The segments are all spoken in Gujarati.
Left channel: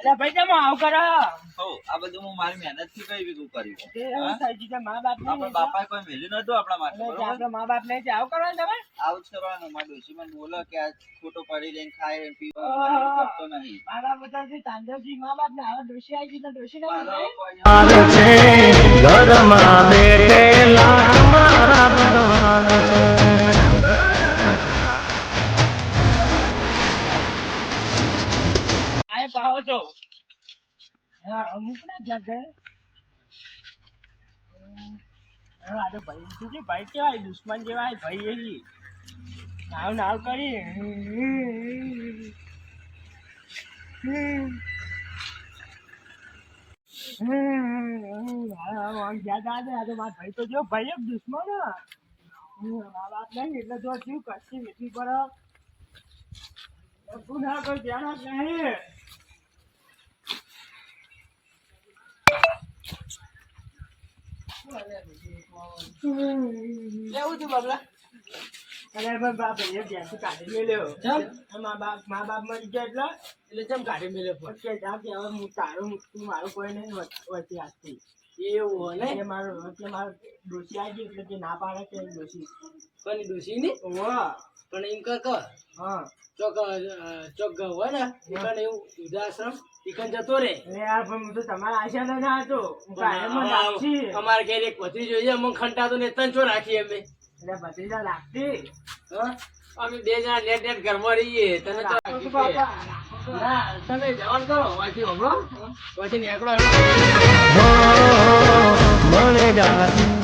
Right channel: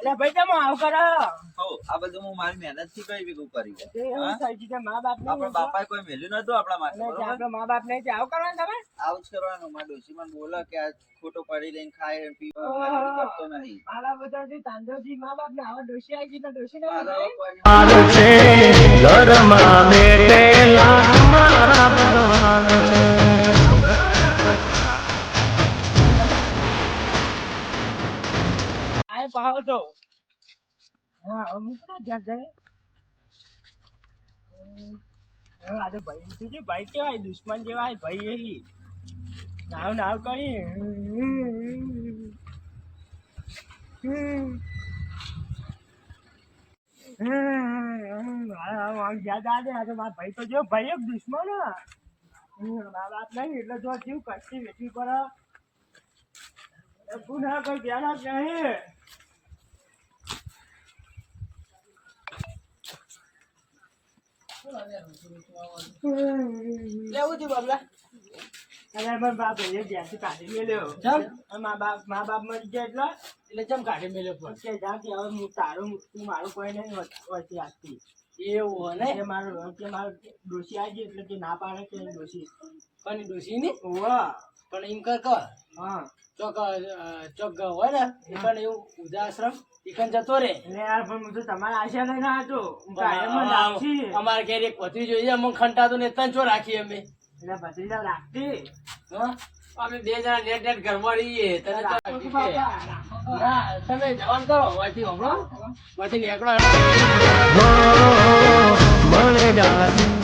એટલે ભાઈ તમે આવ કરો હો આ બધું હું મારી મહેનત થી કઈ ભેગું કર્યું તે એવું થાય છે કે મા બાપ ને આપણા બાપાએ કોઈ મેલ્યું નતું આપણા માટે બરોબર આપણા મા બાપ ને આવ કરવાનું તમે આવું જ કરવાનું મારા ડોશી મને બોલે કે આ ખોટો પડી રહીને ખાય પીવો કરતો નહીં મારા બધા તાંડવજી મા બાપ ને આવા ડોશી આવી ગઈ તો ડોશી ને ઘરમાં બેઠેલા મારા ભગવાન આય પાવો તો હા અમુક ના જગ્યાએ આ તો ભાઈ તું કે ભાઈ કેવાય દુશ્મન જેવાય ભાઈ એલી નાવ નાવ કરી ભાઈ તો જો ભાઈ એક દુશ્મન વાત નહીં એટલે જો જીવ કશી વેચી પર ગુના કોઈ ધ્યાન જ નહીં લેવું છે બાબલા અરે પણ બાપ એ ત્યાંથી કાઢી મેલ્યો મા બાપ મરી ગયા એટલે ચમ કાઢી મેલ્યો પણ કે જા કે હવે હું તારું તું મારું કોઈ નહીં વચ્ચે આજથી એવું ને કે મારું ડોશી આવી ગઈ એટલે કે ના પાડે કે ડોશી પણ ડોશી ની પણ એમ કર હા ચોક હોય ને એકન એવું ઉદાશ્રમ એકન જતો રે યાર પણ હું તો તમારે આશા લઈને આવ્યો તો અમારે ઘેર એક પતિ જોઈએ અમને ખંટાતો ને તન છો રાખી અમે એટલે ભત્રીજા રાખતી અમે બે જણા નેટ ઘરમાં રહીએ તને તો તમે જવાન કરો વાંચી હમણાં વાંચી નીકળો મને જા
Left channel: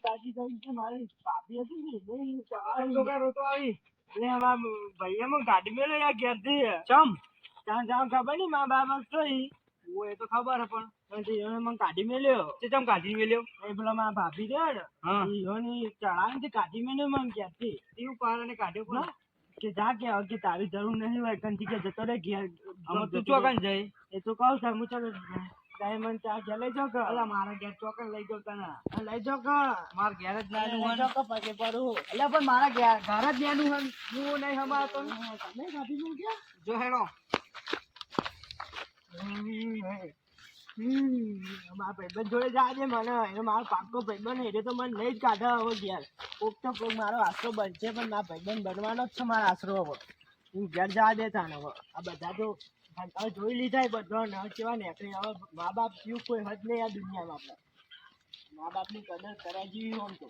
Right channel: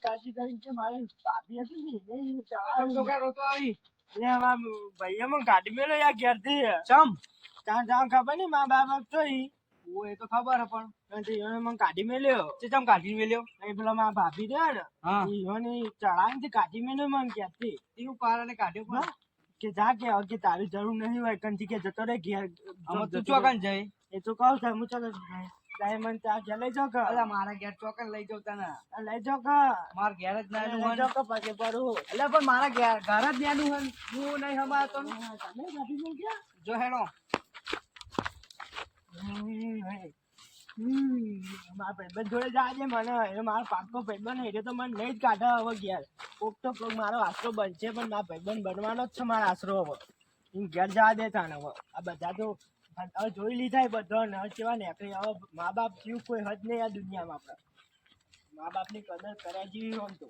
કાશી કરીને મારે ભાભી હતી ભાઈ એમાં ગાડી મેલો યાર ઘેરથી ચમ ત્યાં જાવ ખબર નઈ મા બાપ જોઈ એ તો ખબર પણ મને કાઢી મેલ્યો ચમ કાઢી મેલ્યો એ પેલા મારા ભાભી રહ્યા ને ચડાવી કાઢી મેલ્યો મને ક્યાંથી એવું કારણ કાઢ્યો પણ કે જા કે તારી જરૂર નહીં હોય કંથી કે જતો રે ઘેર તું ચોકન જઈ એ તો કહું છું હું ચાલો ડાયમંડ ચા ઘેર લઈ જાઓ કે મારા ઘેર ચોકન લઈ જાઉં તને લઈ જાઓ કે મારા ઘેર જ ના લઈ જાઓ કે પછી પડું એટલે પણ મારા ઘર જ ન્યાનું હું નહીં હમાર તમે કાઢી મેલ ગયા જો હેડો મારા ભાઈબંધ જોડે જાય છે મને એને મારો પાક્કો ભાઈબંધ એટલે તો મને નહીં જ કાઢે હવે ઘેર કોક તો કોક મારો આશરો બનશે પણ મારા ભાઈબંધ બનવાનો જ છે મારો આશરો હવે હું ઘેર જવા દેતા ને હવે આ બધા તો હવે જોઈ લીધા બધો ને કેવા ને હવે મા બાપ જેવું કોઈ હદ નહીં આ દુનિયામાં આપણે મા બાપની કદર કર્યા જેવી હોય તો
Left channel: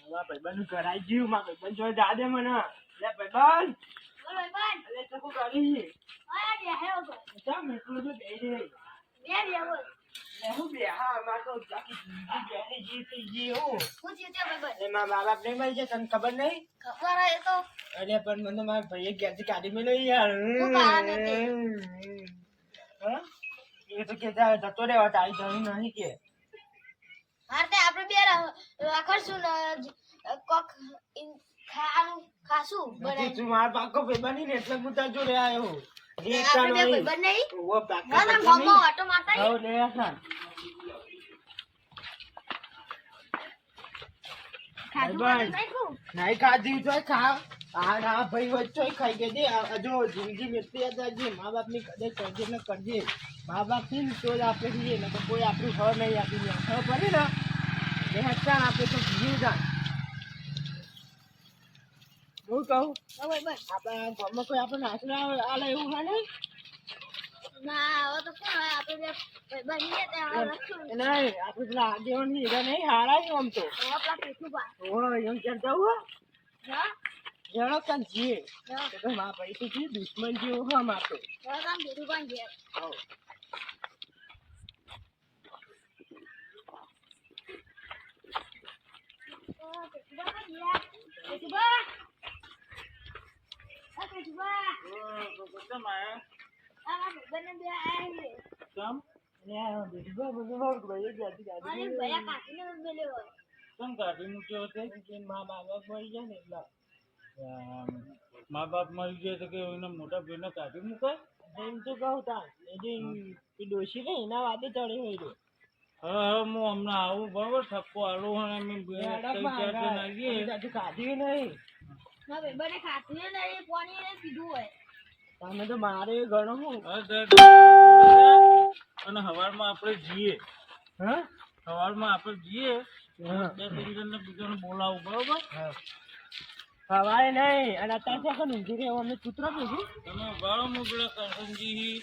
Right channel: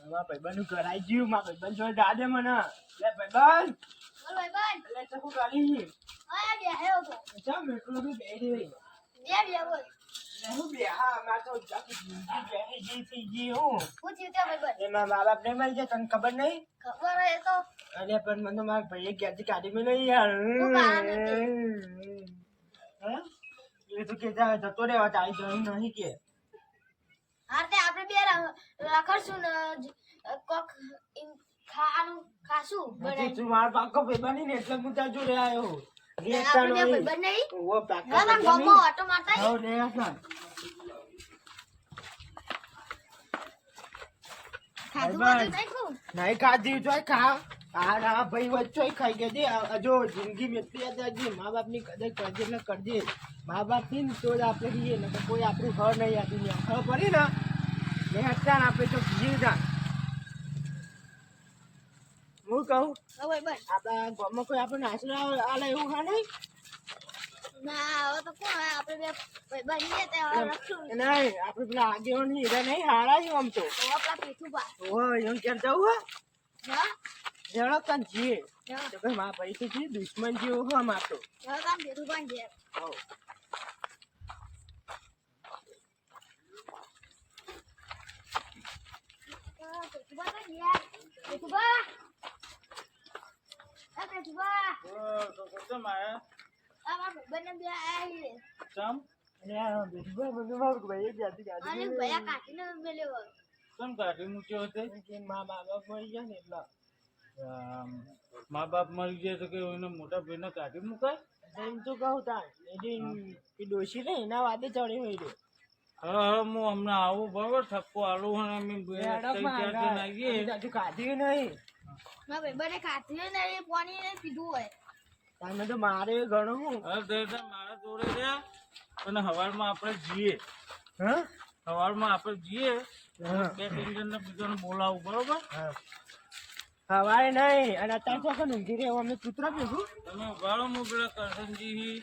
મારા ભાઈબંધ કરાઈ ગયું મારા ભાઈબંધ જોડે જા દે મને લે ભાઈબંધ એટલે તો શું કરી ચમ એટલું બધું બે દે હું બે હા મારે તો જી થઈ ગઈ હું મારા મા બાપ નહીં મળી જાય તને ખબર નહીં અરે પણ મને મારા ભાઈએ ઘેરથી કાઢી મેલ્યો યાર એ તો કે જતો રહેવા તારી જઈ નહીં કે આપણે બે રાખશું ને કોક ખાશું તું મારા પાકો ભાઈ ને એટલે હું તાર જોડે આવ્યો નહીં ખાધી તો ખા હા ભાઈ વચ્ચો ખાઈ ગયા જો જિંદગી મેળતી મા બાપ ની કદર કરજે ને કરજે મા બાપ થી તો જ આપણે જઈએ ને તો કોઈ આપણું ઘર નહીં આપી ખબર પડી ને હટાણ આપણે તો જીવ જાણ હું કહું આપણા ગામમાં કોઈ આપણને આશરો આલે એવું હા નહીં આપણે પેલા આગેવાન હીરા નહીં હારા છે આમ તો એમ ક્યારે જવું હા જણો કાન જીએ મારા ભાઈ તો જી દુશ્મન જેવો હા મારતો મા બાપ મળી જાય ને એટલા મા બાપ મરી જાય તો કે એને મોટા ભાઈને કાઢી મુકાય. એમ તો કહું તાર એ ડોશી ને એના વાદે ચડી હોય રહ્યો. હા હું હમણાં આવું બરાબર થપ્પો આલું અને અમે આવીએ. હજુ ખાધી નહીં. મારા ભાઈબંધે ખાધું ને એ પાણી એને પીધું હોય. તમે તો મારે ઘણું હું. અને હવારમાં આપણે જઈએ. હા સવારમાં આપણે જઈએ. 2-3 જણને બીજાને બોલાવું બરોબર. સવારે નહીં અને અત્યારે ચોખ્ખો ઊંઘી રહ્યો અમને કૂતરો પીશું. તમે ઉભારો હું પેલા કરશનજી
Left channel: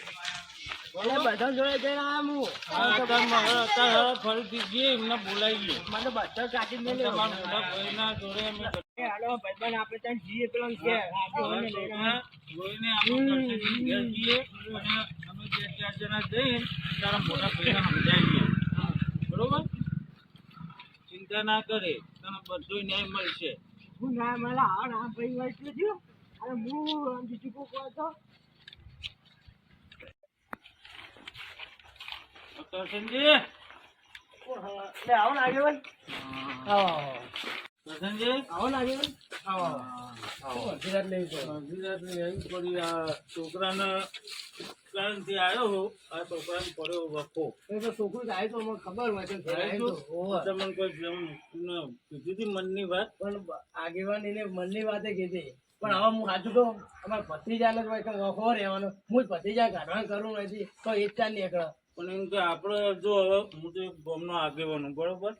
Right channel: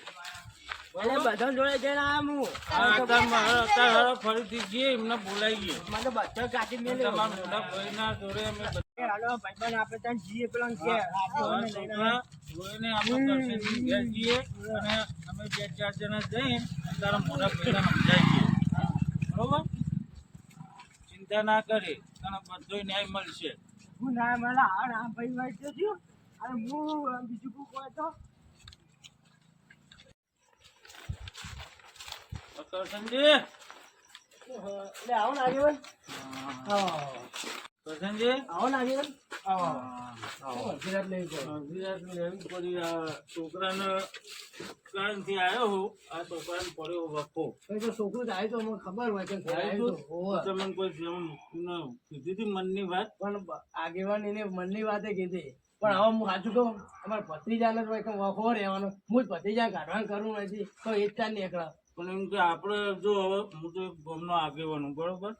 બધા જોડે જઈને અત્યારે ફરીથી જઈએ એમને બોલાવીએ. મને બધા કાઢી મેલ્યો. તમારા મોટા ભાઈના જોડે અમે ભાઈબંધ આપણે ત્યાં જઈએ પેલા ઘેર જોઈને આપણે કરશનજી ઘેર જઈએ અને અમે 2-4 જણા જઈને તારા મોટા ભાઈને સમજાવીએ બરોબર. ચિંતા ના કરે તને બધો ન્યાય મળશે. હું ના મને આમ ભાઈ વાત જોજો અને હું બીજું કોઈ કહો તો કરશનજી આવો ને આગેવાન. કરશનજી આવો ને આગેવાન. છોકરાને કારણથી આવ્યો હું આ છોકરાને પડ્યો વખો. તો છોકરું જાય તો મને ખબર હોય કે ઘરે આવ્યો તો. તમને કોઈ કીધી હતી મનની વાત? પણ આગેવાન એને મનની વાતે કીધી. પણ હવે હું સાચું કહું અમારે ભત્રીજાને જ હોય કે વખો રહેવાનો. હું જ ભત્રીજા કાઢવાનું કરું નથી તો એ જ ચાલ નીકળે. પણ એમ કે આપણે જો હવે હું તો એક ગામનો આગેવાનું બરોબર.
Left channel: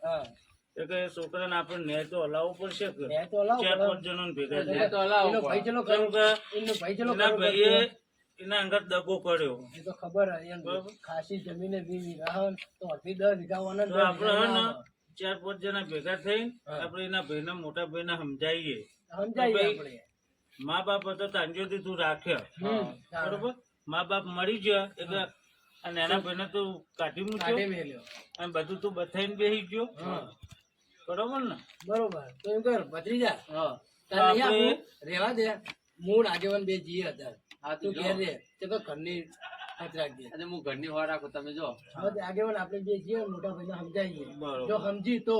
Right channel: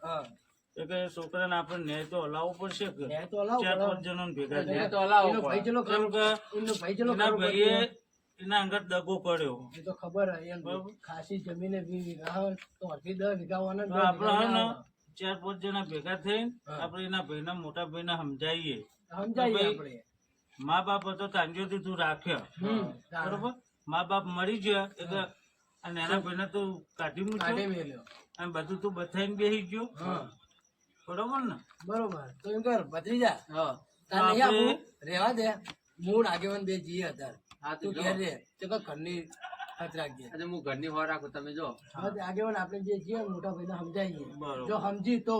કે છોકરાને આપણે ન્યાય તો હલાવવો પડશે કે 4-5 જણોને ભેગા ભાઈએ એના અંગત દગો કર્યો. એ તો ખબર હોય ખાસી જમીને 20 વીઘા તો અડધી 10 વીઘા આપણે હે ને 4-5 જણા ભેગા થઈને આપણે એના ભાઈના મોટા ભાઈને સમજાવીએ. મા બાપ હતો તાંજોથી તું રાખ્યા બરોબર. મા બાપ મરી ગયા એટલે અને એના ભાઈને તું કાઢી મૂક્યો અને બધું તું બતાવીને બેસી ગયો બરોબર ને. બરોબર તો એમ કર ભત્રીજા રેવા દે. મૂળ આગેવાન બે જીએ હતા તું ઘેર રે તો ઘરની હાથ રાખજે. હું ઘરની હોર રાખું તમે જો આગેવાન આપણે જે જીએ મોટા ભાઈને સમજાવીએ. જો સમજી તો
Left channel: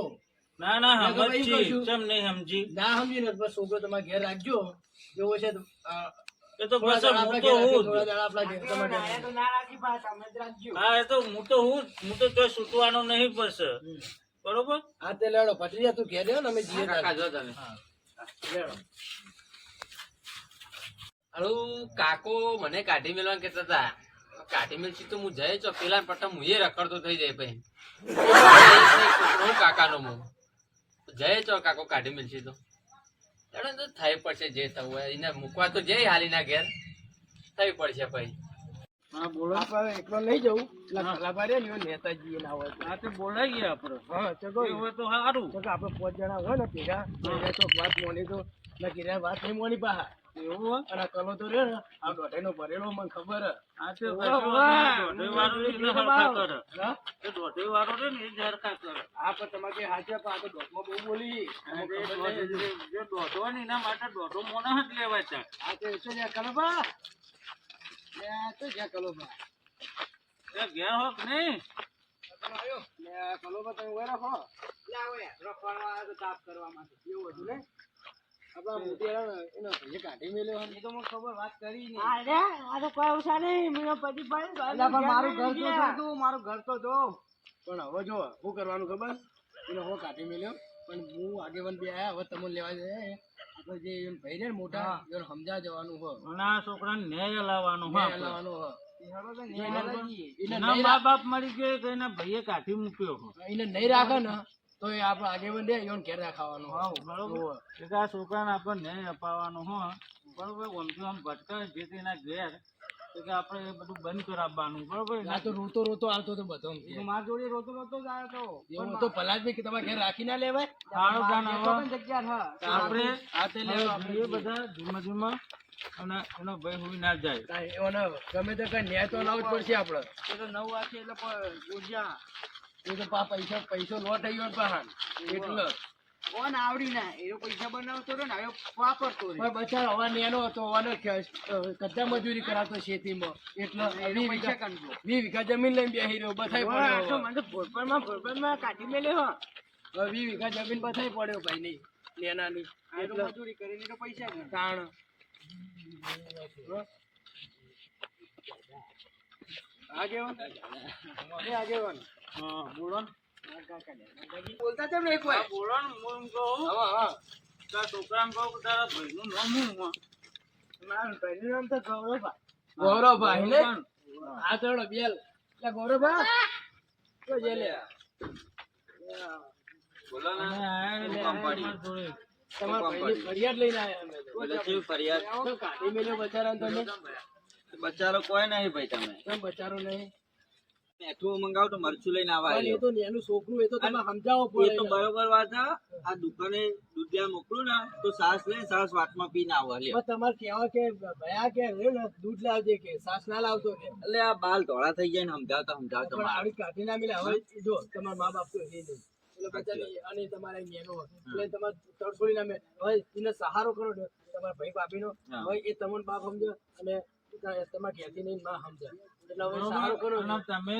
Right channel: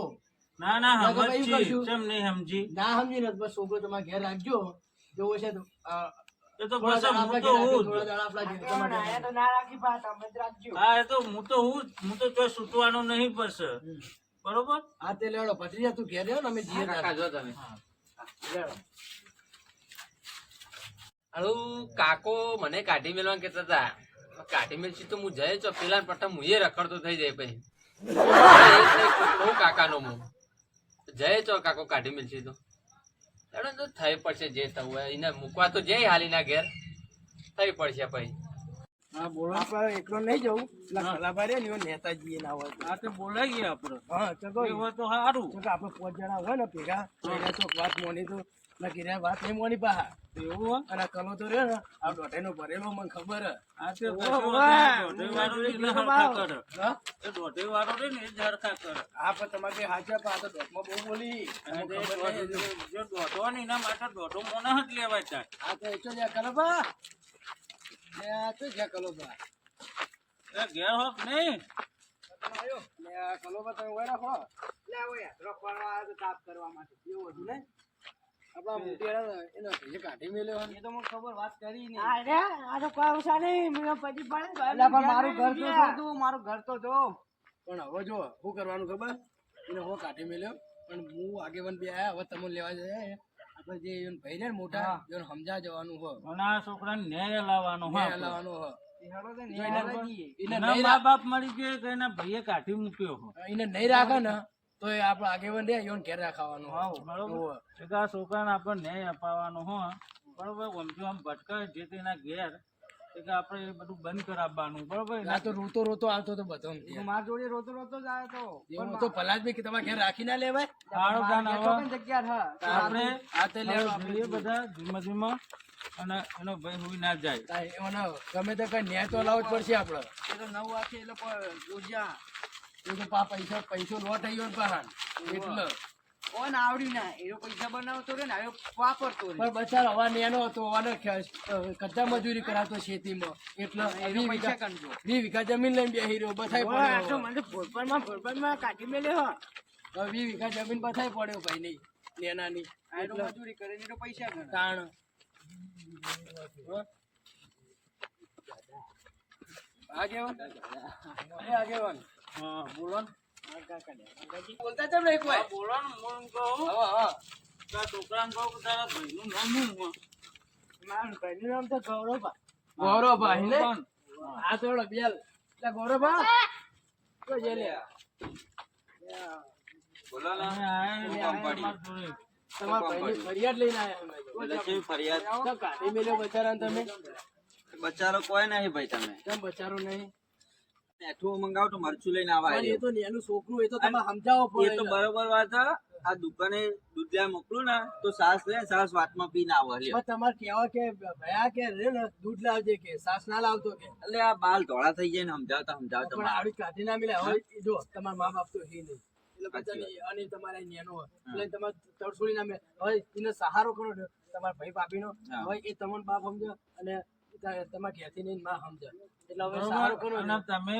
ના ના સમજી કેમ નહીં સમજી ના સમજી ને બસ છોકરો તમારે ઘેર રાખજો. જેવો છે એ તો બસ હું તો હું હા એ તો હું તો હું કોઈ છૂટવાનો નહીં પડશે બરોબર. હા તે લેડો ભત્રીજા તું ઘેર રહ્યો ને અમે જીએ જો તમે લેડો. હાલું કાકો મને કાઢી મેળવા કેતા હતા કાઢી મેળશી તો હું જઈ ચો પેલા પટ્ટા હું રખડતો થઈ જાય પછી કાકાનો હું જઈ ચો કાકો કાઢી મેળશી તો થઈ પડશે જે થવું હોય એને મૂકવા તો જઈ હાલી ના ઘેર થઈ પડશે પછી. હા બોલો. આપણે એકલો નહીં જવું નેતાજી ના હોય આ તો બોલાવીએ આપણે. હા ચલો એ હોય તો સારું. આપણે 5 જણા હોય ને ભેગા ચોક વાત મોની તો નક્કી વાત નહીં મોની પાહા એવું હોય અને આ કલો તો રહ્યો ને આ દોઢેનો ભરેલો મને ખબર આ તો દોઢે વાળો રે ને એ જ હરખા કરે. હા પણ તમારે કઈ હાચા પણ આ તો દોઢમાં બહુ બોલી જે દોઢો ને એના માટે દોઢો મોને જ લેવાય ત્યાં. આ તો એ તો જ્યાં કલોબા તો જ્યાં કલોબા એ ઘેર હોક નહીં કલોબા તમે હોય રાખો લે આવો યાર રખવાડવા આવ્યો તો તાપ કરવા માટે એવું હતું ને આપણા મોટી એનો ભેજે કાઢી મેલ્યો એ તો મને ખબર વાત કરી નહીં. આ તો કોઈ ઉસા નહીં મને પછી પડે પણ મારું ઘર તો જોતું મારું ઘર તો જો. પણ હવે જો શું કરવાનું ખબર એને હું કાઢી મેલ્યો પણ હું આગેવાન બે આયા હવે તમને લેવા જાય આપણે જે ભાઈ ને મોટા એને સમજા જવાનું હોય અને આ છોકરાને ન્યાય લાવવાનો હોય લાવવાનો હોય. મા બાપ મરી ગયો કે એના ભાઈએ કાઢી મૂક્યો હોય એને નહીં રાખે ને તો એ આપણે આગેવાન દે એને ઘેર રાખવાનું બરોબર. એટલે આ છોકરાને આપણે ન્યાય અપાવવાનો હોય બરોબર. ઓમથી આમ ભટકાય જે તેના ઘેર એટલે આપણે એ બધું બંધ કરાવવાનું બરોબર. આ તો રોતો રોતો આવતો તો બધો મારા જોડે રોતો રોતો જ આવ્યો તો તો ભલા જ ભાઈ તમારે ઘેર રાખી ના લેવાય. જગ્યા આપણે આ તે લેવા બધા ધીમા ધીમા અને એનો ભાઈ હોઈ ના જાય. ગમે તો કઈ ન્યાય તો લાવવો જ પડશે આપડે. એ તો 9 વાગે એટલે એ તો પૈસો લો થઈ ગયો પહાડ એટલે કોણ આવડી ના એ પૈસા બનાવતો રે ને હવે વાપરતો રે પણ બચારો હવા નેનો હતો અને કચ્ચા મજૂરી કરાતો ખેતીમાં એટલે 20 વીઘા જમીન લઈને બેહી રહ્યો બથાઈ પડ્યો મને ભોરપણમાં કાઢી મેલ્યો 20 વીઘા જમીન બથાઈ પડ્યો ભાઈ નહીં નેનાની આ તો એટલે મજૂરી કરીને તો પૈસા ગણે. તાણ આગેવાન હા બોલો ને. બોલતા કેમ નહીં કોઈ હા બોલો ને. હું એમ કહું હા કે આ છોકરાને કહું કે તારા ભાઈનું નામ શું છે? મારું ભાઈનું નામ તો ગૌરવભાઈ. ગૌરવભાઈ ને પણ હા તો બેલ એટલે ગૌરવભાઈ તો જે લે બોલો ને અમે આયા શું ને કામ આયા પડ્યું? તમારા ભાઈની ફરિયાદ લઈને આવ્યા અમે તો. એટલે કેવી ફરિયાદ? તો કાઢી મેલ્યો બચારાને તમે બચારો કોઈ નહીં ભાઈ તમે કેમ બચારો નહીં મેઠું મંગાવો તો મરચું લઈને આવા પણ એ આવ્યો. તો નેનું છોકરું એ તો તમે સમજાવો એ પડે તો બરોબર વાત છે. આ દુકાને દૂધ લેવા મોકલું ને તો સાસ લે સાસ વાતમાં પીને આવો લ્યો. પણ તમારે કહેવા કે ભયા કે રે ને દૂધ લાવજે કે સાસ ના લાવતો કે એટલે આ બાલ ધોળા થઈ જાય ને સમજાવતા પણ આવડી કાઢી ના મિલે હવે જો તમારા મા બાપ તો હે નહીં એટલે બચાને અને તમારા નેનો હોય એટલે તમારે તડછોડી ના મેં હવે એને સહારો કરો ને તમારા ભાઈ ભાભીનો હા. હવે એ તમને બાપ સમજે અને તમારા ઘેરથી નહીં માં સમજે એટલે હવે બરોબર? સહારો કરો અને ને તમે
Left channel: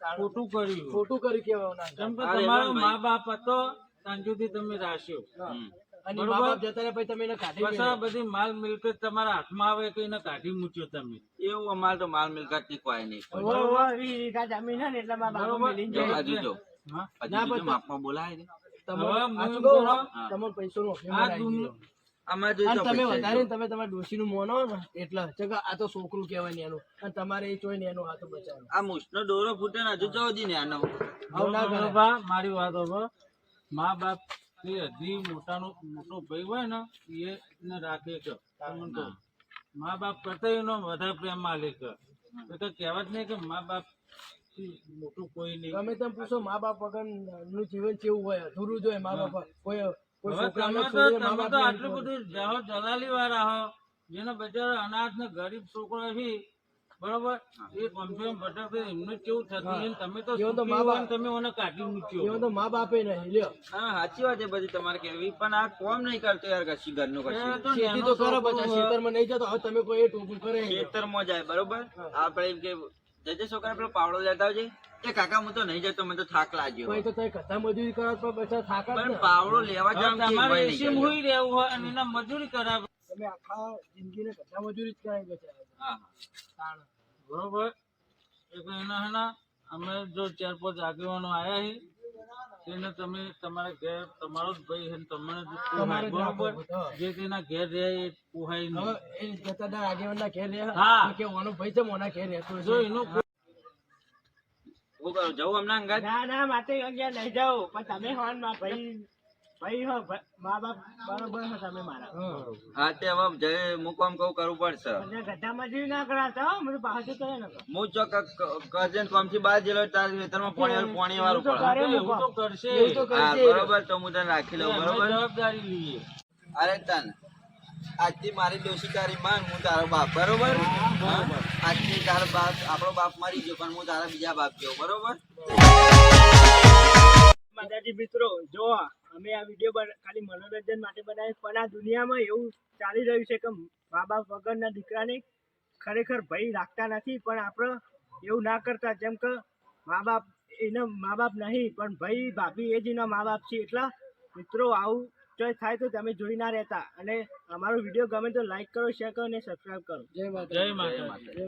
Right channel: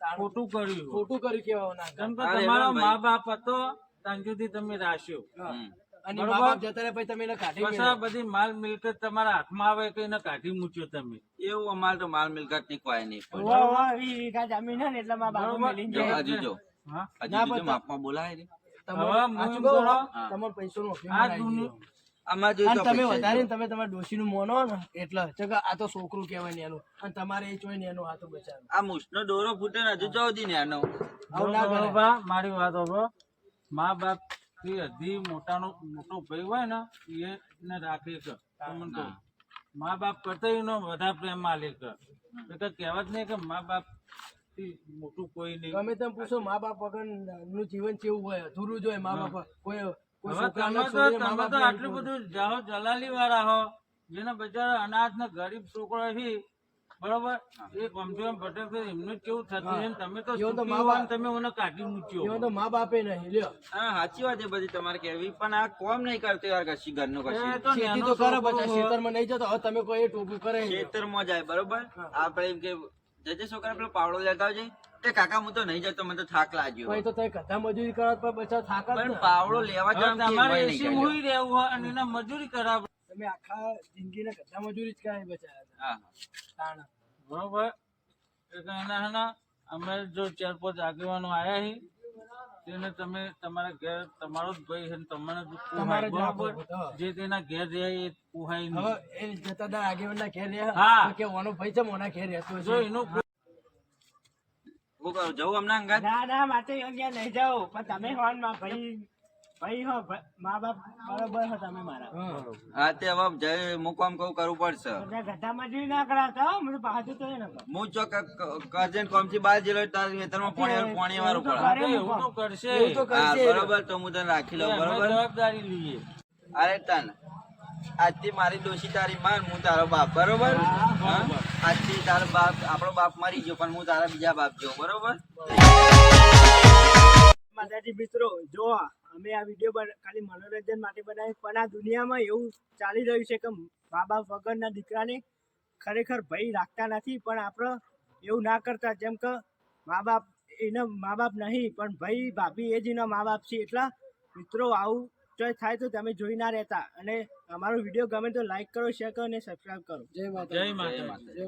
તાણ. ખોટું કર્યું. ખોટું કર્યું કેવા ના કેમ કે અરે તમારો ભાઈ. મા બાપ હતો ત્યાં સુધી તમે રાખ્યો. હમ. અને બરોબર. મા બાપ જતા રહે પછી તમે એને કાઢી પછી મેલ્યો. બધી માલ મિલકત તમારા હાથમાં આવે કે એને કાઢી મૂક્યો તમે. એવું અમારે તો માલ મિલકત ની કોઈ નહીં. વાહ, વાહ, ઈ વીઘા જમીન હે ને એટલે મારા બાપા બરોબર. મેલીને જો જાય. હજુ જો હા? હજુ ના, જો પણ માપમાં બોલાય ને. તમને હવે હું સાચું એમ કહું, કહું, તમને પૈસાનું અભિમાન આ આવી દુનિયા ગયું. આમાં જો અને તો તમે પૈસા વધારે જો. ને તમે તમારા ડોશીનું મોનો ને એટલે છે કે આ તો છોકરું કહેવાય ને એનું અને તમારે એ ચોય ને એનું આ તો બચારો આ મૂછનો દોરો ફૂટે ને હજુ ચૌદી ને આનો. આવું ના કરે બરોબર, મારી વાત હોભળો. મા બાપ થી હજી મોટો ભાઈ હોય ને એને રાખે કે તમને કહું. મા બાપ કરતા એનો વધારે પ્રેમ માલે કે કહેવત નહીં કે મા બાપ થી મોટું કોઈ નહીં. ગમે તેમ પૂછો મા બાપ વગર નું જીવન કેવું હોય અધૂરું જોઈએ મા બાપ કોઈ કોઈ હવે છોકરાને તમે છોડીને મા તો બાપને આટલું બધું જાઓ દલાલી વાળા હો જેને બચારા અનાથ ને ગરીબ છોકરો છે બરોબર એ કમસે કમ ભટકતો એમનું જ કેવું થતું છે ને તમે તો એવો તો સુખી મા હોય બાપ- ને તમે મને કાઢી મૂક્યો. એવા તો મા બાપે નહીં લ્યો હા સાચી વાત છે બધી તમારે કેવી પણ આ કોમ નહીં કરતો યાર કશી ઘરનું એ કશી તો ખેતી નાનો તો કરે છોકરો પછી હોય. ખેતરમાં નહીં જતો હવે તમે કોઈ એ ટોપું કરે ખેતરમાં જાય બરોબર આપડે એમ કે જજે છોકરા પેલો પાવડો લેતા આવજે એ કાકા હું તો નહીં જતો મને તો થાક લાગ્યો કોઈ તો તમે કથા મજૂરી કરો તો બચા થાક જ પણ ને પાવડો લેવા હવે જવાનું તમારે કેવું હોય એસી નહીં મુઈ રહેવું હોય અને એના મજૂરી કરાવે તમે આખા જિંદગીને કથા મજૂરી જ કરાવી બચાયા હા તાણ બરોબર એટલે એના હેના અમે જો 4-5 આગેવાનો આયા હી તેને તમે તમારા ઘેર તમારો જ ભાઈ છે ને તમને જ તમારે પોહાય જ બરોબર રાખવો પડે. જે તેના ઘેર રહે એ પોહાય હવે નહીં. એ જતાદાર આગેવાનના ઘેર રહ્યા હા. તો કે ઓનો ભાઈ છે મોના ઘેર રહેતો જો છે એનું હું કરું જવું હમણાં અંગાત ના ના મારે અહીંયા નહીં જાઓ પણ તમે હો ને મારા ભાઈ હો મા બાપ બરોબર હો તમે મારા હા. હા તે હવે જય હું કામ કહું કરવું પડશે બધા ગધા મજૂરી ના કરાવતા હો, મને બહાર જતો રહે ને કહો. હું ચોક કજન કોમ થી બહાર જેલો તાર ખેતરમાં પાણી વાળું પડે હા, તો એવું તો કરશે એવું તો હા કરશે. બરોબર તો હું તને રાખી લઉં અમે બરોબર જવાબદારી લઈએ. અરે તન આજથી મારી ડોશી તારી માન હું તારો બાપ બરોબર હા? આજથી તારો બાપ આપણો બાપ મરી ગયો પણ હું તારા બીજા બાપ જેવો બરોબર માતાજી મિત્રો જો અમે આ વિડીયો ખાલી મનોરંજન માટે બનાવ્યો પણ આ દુનિયામાં એવું ચાલી રહ્યું છે કે મા બાપ વગરના દીકરાને ખરેખર ભય રાખતા નથી પણ આપણે એવું ના કરતા જેમ કે મા બાપ એના મા બાપ નહીં પણ ભાઈ ભાભી એ જ એના મા બાપ છે એટલા મિત્રો આવું જો થાય તો તમે જોઈ ના રહેતા અને અમારો વિડીયો ગમે તો લાઈક કરો શેર કરો અને સબસ્ક્રાઈબ કરો જય માતા જય માતા.